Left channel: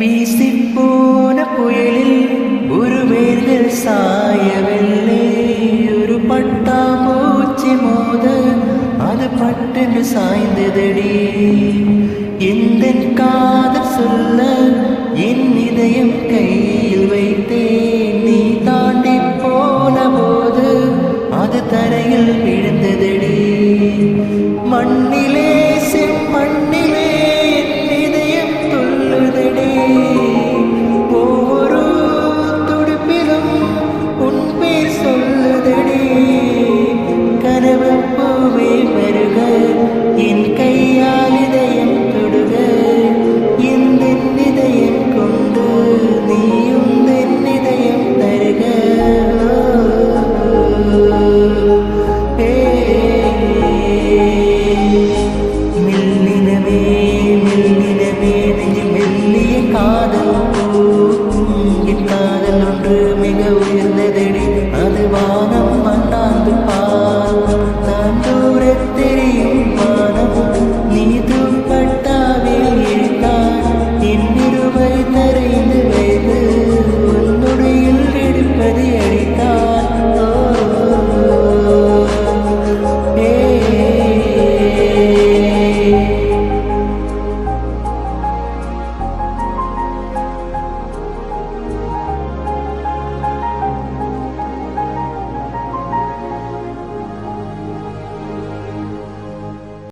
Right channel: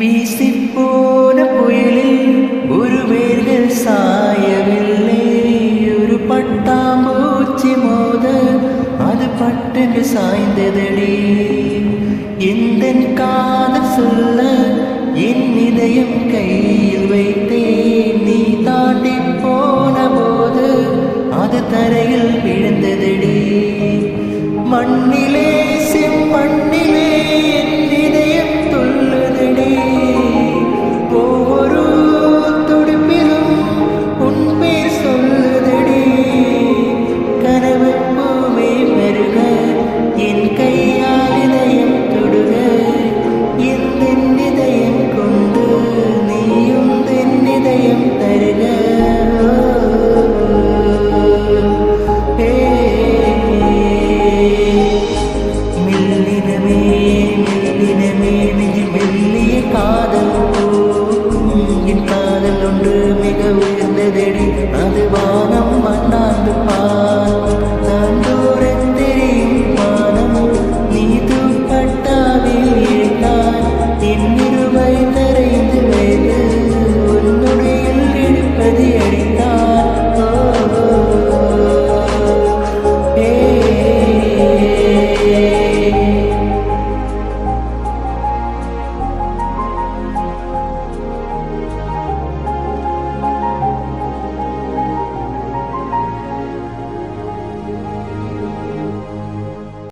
வீசிப்போன புயலில் ஒரு வேர்கள் சாயவில்லை. ஒரு பட்டாம்பூச்சி மோத அது பட்டென்று சாய்ந்ததடி. எந்த காதல் சொல்ல என் இதயம் கையில் வைத்தேன். நீ தாண்டி போன போது அது தரையில் விழுந்ததடி. மண்ணிலே செம்மண்ணிலே என் இதயம் துள்ளுதடி. ஒவ்வொரு துடிப்பிலும் உன் பேர் சொல்லுதடி. கனவு பூவே வருக, என் கையால் இதயம் தொடுக. எந்த இதயம் கொண்டு நீயும் என் இதயம் தருக. மெல்லினமே மெல்லினமே நெஞ்சில் மெல்லிய காதல் பூக்கும். என் காதல் ஒன்று மிக உயர்ந்ததடி. அது வானம் மண்ணாந்து பார்க்கும். தான் தூர தெரியும் வானம். நீ துப்பட்டாவில் இழுத்தார் என்